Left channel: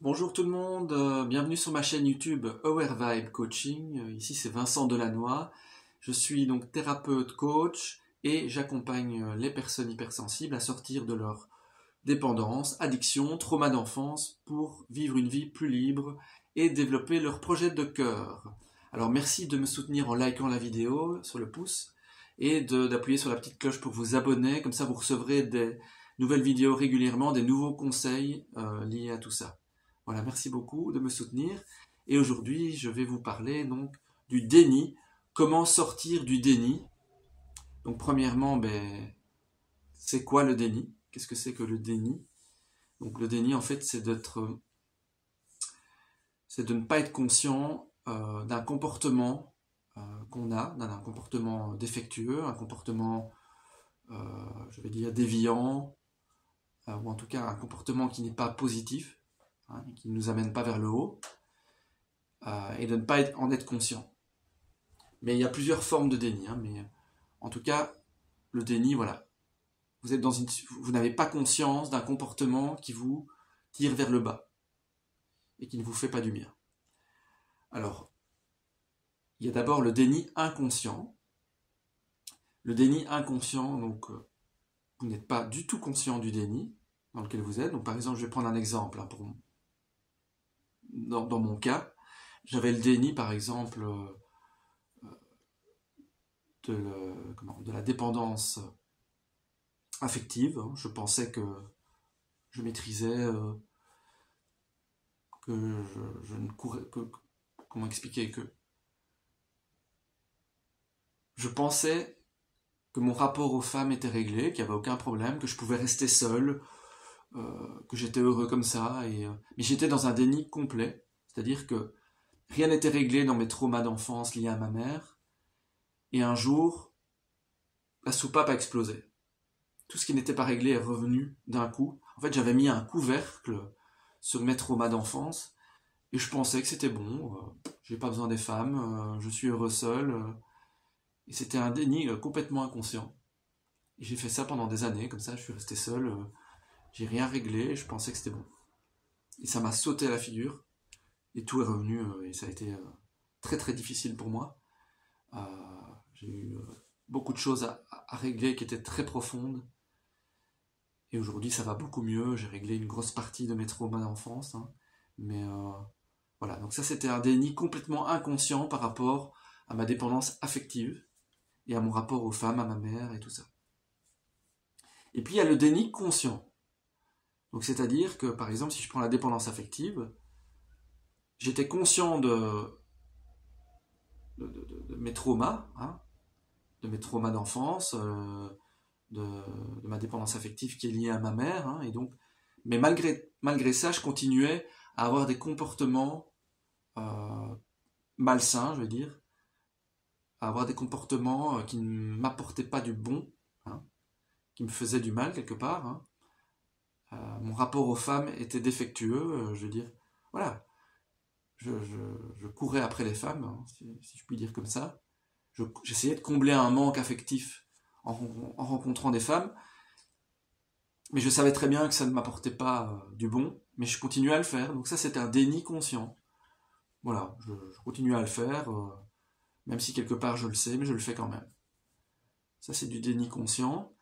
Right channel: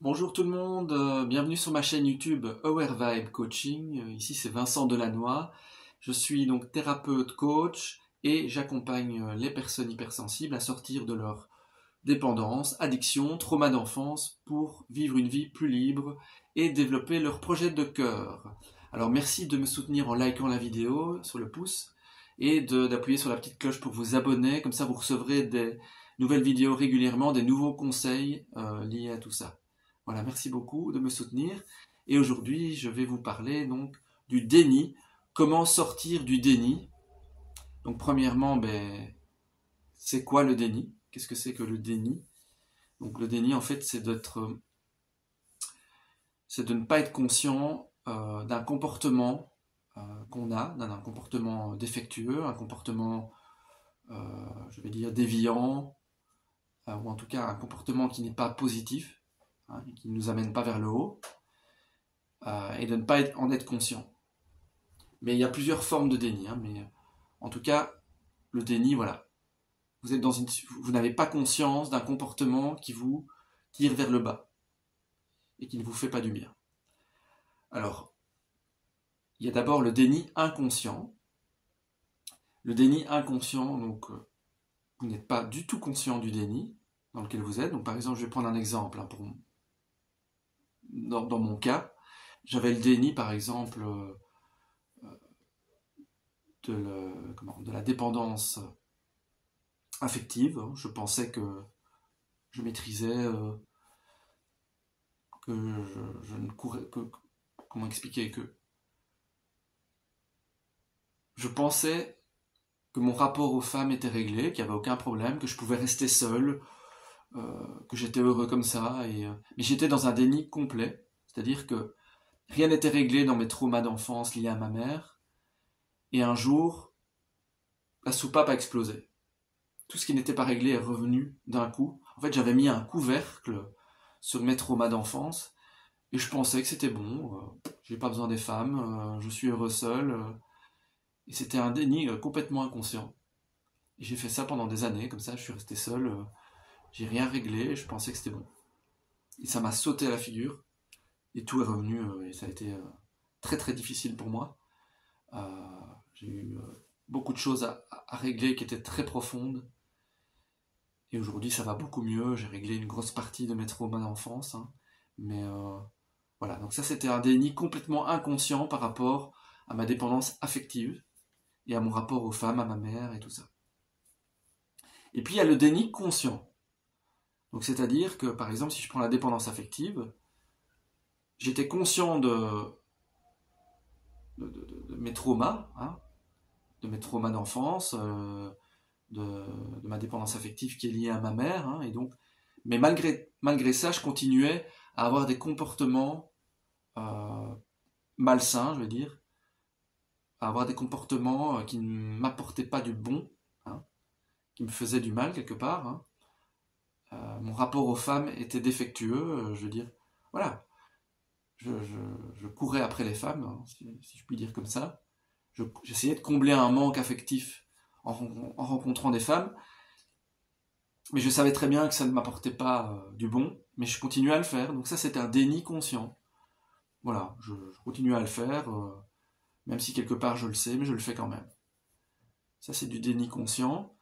Bonjour tout le monde, bienvenue sur ma chaîne YouTube Aware Vibe Coaching. Ici c'est Vincent Delannoy. Je suis donc thérapeute coach et j'accompagne les personnes hypersensibles à sortir de leur dépendance, addiction, trauma d'enfance pour vivre une vie plus libre et développer leur projet de cœur. Alors merci de me soutenir en likant la vidéo sur le pouce et d'appuyer sur la petite cloche pour vous abonner, comme ça vous recevrez des nouvelles vidéos régulièrement, des nouveaux conseils liés à tout ça. Voilà, merci beaucoup de me soutenir. Et aujourd'hui, je vais vous parler donc du déni. Comment sortir du déni? Donc premièrement, c'est quoi le déni? Qu'est-ce que c'est que le déni? Donc le déni, en fait, c'est de ne pas être conscient d'un comportement qu'on a, d'un comportement défectueux, un comportement, je vais dire, déviant, ou en tout cas un comportement qui n'est pas positif, qui ne nous amène pas vers le haut, et de ne pas en être conscient. Mais il y a plusieurs formes de déni, mais en tout cas, le déni, voilà. Vous n'avez pas conscience d'un comportement qui vous tire vers le bas et qui ne vous fait pas du bien. Alors, il y a d'abord le déni inconscient. Le déni inconscient, donc, vous n'êtes pas du tout conscient du déni dans lequel vous êtes. Donc, par exemple, je vais prendre un exemple. Dans mon cas, j'avais le déni, par exemple, de la dépendance affective. Je pensais que je maîtrisais, que je ne courais, comment expliquer, que je pensais que mon rapport aux femmes était réglé, qu'il n'y avait aucun problème, que je pouvais rester seul, que j'étais heureux comme ça. Mais j'étais dans un déni complet, c'est-à-dire que rien n'était réglé dans mes traumas d'enfance liés à ma mère. Et un jour, la soupape a explosé. Tout ce qui n'était pas réglé est revenu d'un coup. En fait, j'avais mis un couvercle sur mes traumas d'enfance et je pensais que c'était bon. J'ai pas besoin des femmes, je suis heureux seul. Et c'était un déni complètement inconscient. Et j'ai fait ça pendant des années, comme ça, je suis resté seul. J'ai rien réglé, je pensais que c'était bon. Et ça m'a sauté à la figure. Et tout est revenu, et ça a été très très difficile pour moi. J'ai eu beaucoup de choses à régler qui étaient très profondes. Et aujourd'hui, ça va beaucoup mieux. J'ai réglé une grosse partie de mes traumas d'enfance. Mais voilà, donc ça, c'était un déni complètement inconscient par rapport à ma dépendance affective et à mon rapport aux femmes, à ma mère et tout ça. Et puis, il y a le déni conscient. Donc, c'est-à-dire que, par exemple, si je prends la dépendance affective, j'étais conscient de mes traumas, de mes traumas d'enfance, de ma dépendance affective qui est liée à ma mère, et donc, mais malgré ça, je continuais à avoir des comportements malsains, je veux dire, à avoir des comportements qui ne m'apportaient pas du bon, qui me faisaient du mal quelque part. Mon rapport aux femmes était défectueux, je veux dire, voilà, je courais après les femmes, si je puis dire comme ça. J'essayais de combler un manque affectif en rencontrant des femmes, mais je savais très bien que ça ne m'apportait pas du bon, mais je continuais à le faire. Donc ça, c'était un déni conscient. Voilà, je continuais à le faire, même si quelque part je le sais, mais je le fais quand même. Ça, c'est du déni conscient.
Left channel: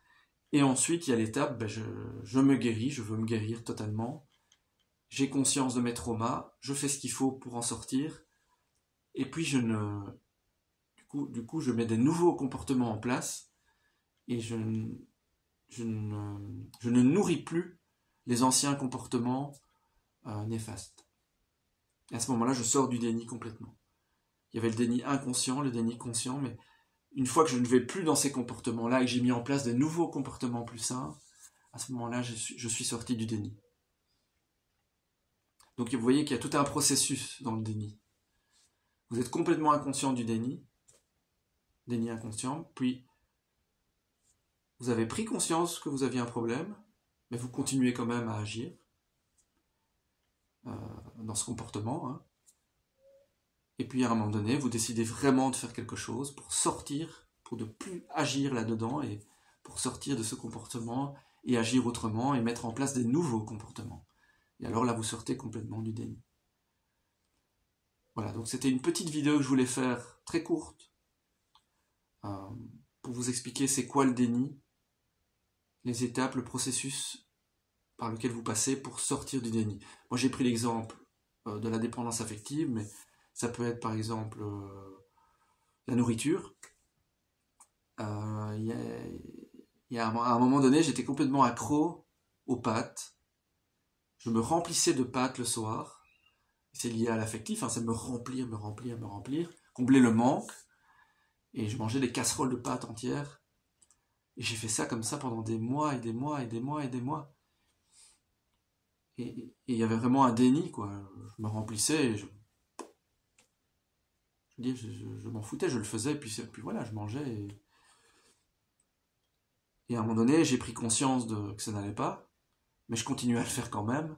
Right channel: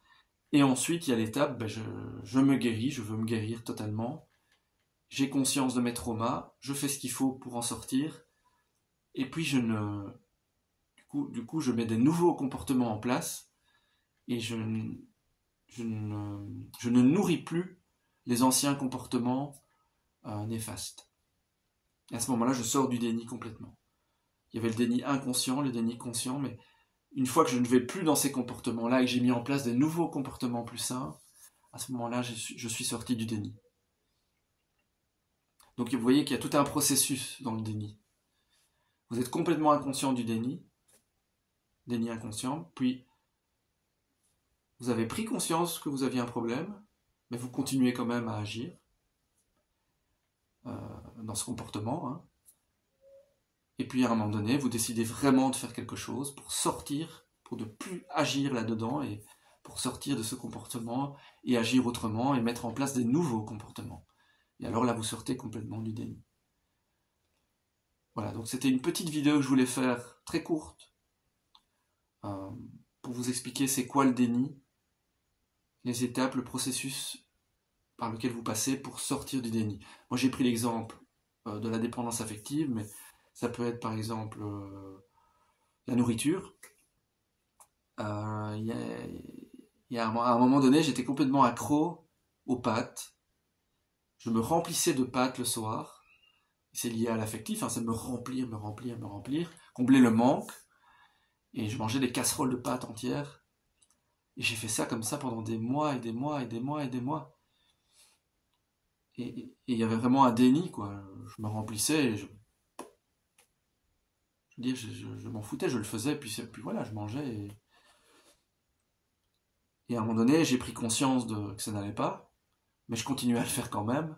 Et ensuite, il y a l'étape, je me guéris, je veux me guérir totalement. J'ai conscience de mes traumas, je fais ce qu'il faut pour en sortir. Et puis, du coup, je mets des nouveaux comportements en place et je ne nourris plus les anciens comportements néfastes. Et à ce moment-là, je sors du déni complètement. Il y avait le déni inconscient, le déni conscient, mais une fois que je ne vais plus dans ces comportements-là et que j'ai mis en place des nouveaux comportements plus sains, à ce moment-là, je suis sorti du déni. Donc vous voyez qu'il y a tout un processus dans le déni. Vous êtes complètement inconscient du déni inconscient, puis vous avez pris conscience que vous aviez un problème, mais vous continuez quand même à agir dans ce comportement. Et puis à un moment donné, vous décidez vraiment de faire quelque chose pour sortir, pour ne plus agir là-dedans et pour sortir de ce comportement et agir autrement et mettre en place des nouveaux comportements. Et alors là, vous sortez complètement du déni. Voilà, donc c'était une petite vidéo que je voulais faire, très courte, pour vous expliquer c'est quoi le déni, les étapes, le processus par lequel vous passez pour sortir du déni. Moi j'ai pris l'exemple de la dépendance affective, mais ça peut être par exemple la nourriture. Il y a un moment donné, j'étais complètement accro aux pâtes. Je me remplissais de pâtes le soir. C'est lié à l'affectif, hein, c'est me remplir, combler le manque. Et je mangeais des casseroles de pâtes entières. Et j'ai fait ça comme ça pendant des mois et des mois et des mois et des mois. Et il y avait vraiment un déni, quoi. Je me remplissais et je m'en foutais, je le faisais, puis voilà, je mangeais. Et à un moment donné, j'ai pris conscience que ça n'allait pas, mais je continuais à le faire quand même.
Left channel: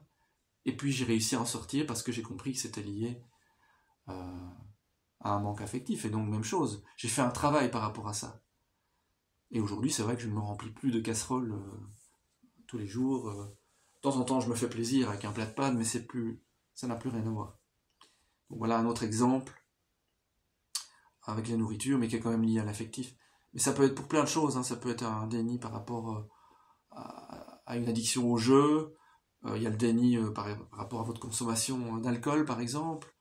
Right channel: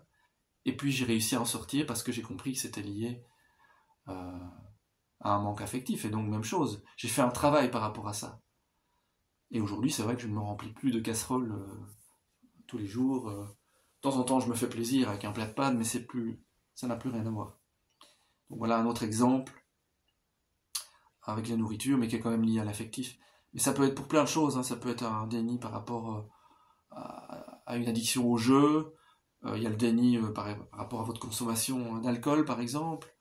Et puis j'ai réussi à en sortir parce que j'ai compris que c'était lié à un manque affectif. Et donc, même chose, j'ai fait un travail par rapport à ça. Et aujourd'hui, c'est vrai que je ne me remplis plus de casseroles tous les jours. De temps en temps, je me fais plaisir avec un plat de pâtes, mais ça n'a plus rien à voir. Donc voilà un autre exemple avec les nourritures, mais qui est quand même lié à l'affectif. Mais ça peut être pour plein de choses, hein. Ça peut être un déni par rapport à une addiction au jeu. Il y a le déni par rapport à votre consommation d'alcool, par exemple.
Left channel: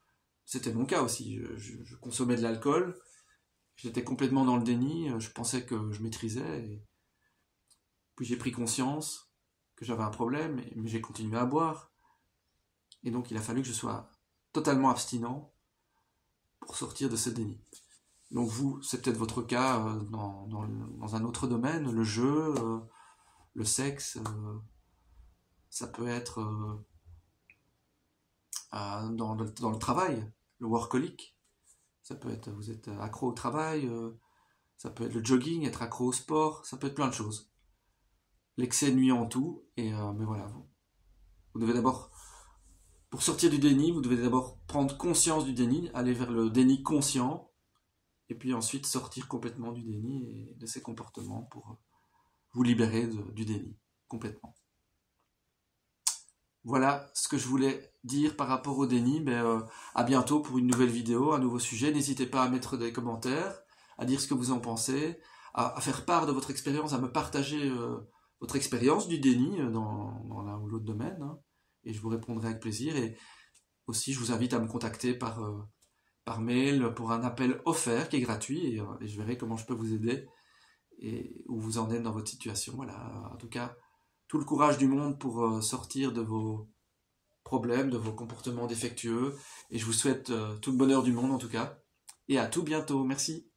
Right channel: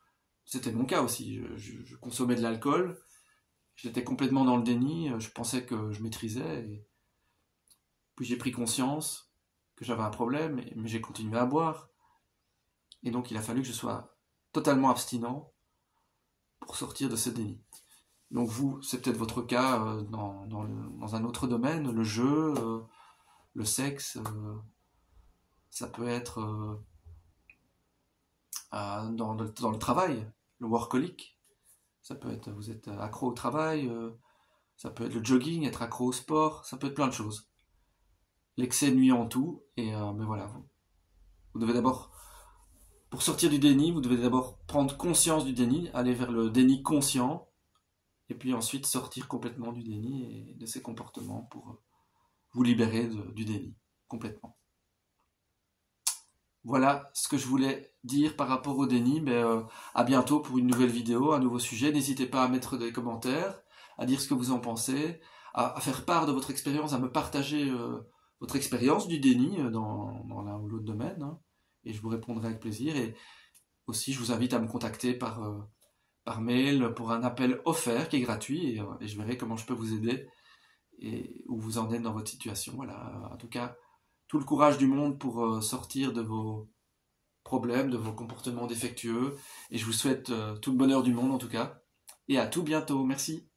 C'était mon cas aussi. Je consommais de l'alcool. J'étais complètement dans le déni. Je pensais que je maîtrisais. Puis j'ai pris conscience que j'avais un problème, mais j'ai continué à boire. Et donc il a fallu que je sois totalement abstinent pour sortir de ce déni. Donc vous, c'est peut-être votre cas dans un autre domaine, le jeu, le sexe, ça peut être dans le travail, le workaholic. Ça peut être, vous êtes accro au travail, ça peut être le jogging, être accro au sport, ça peut être plein de choses. L'excès nuit en tout, mais voilà, vous devez d'abord, pour sortir du déni, vous devez d'abord prendre conscience du déni, aller vers le déni conscient, et puis ensuite sortir complètement du déni et de ces comportements pour vous libérer du déni, complètement. Voilà ce que je voulais dire par rapport au déni. À bientôt pour une nouvelle vidéo, un nouveau sujet. N'hésitez pas à mettre des commentaires, à dire ce que vous en pensez, à faire part de votre expérience, à me partager votre expérience du déni dans l'un ou l'autre domaine. Hein, et je vous répondrai avec plaisir. Et aussi, je vous invite à me contacter par mail pour un appel offert qui est gratuit. Et je verrai comment je peux vous aider et où vous en êtes dans votre situation. Voilà, en tout cas, tout le courage du monde pour sortir de vos problèmes, de vos comportements défectueux. Et je vous souhaite tout le bonheur du monde en tout cas. Et à tout bientôt. Merci.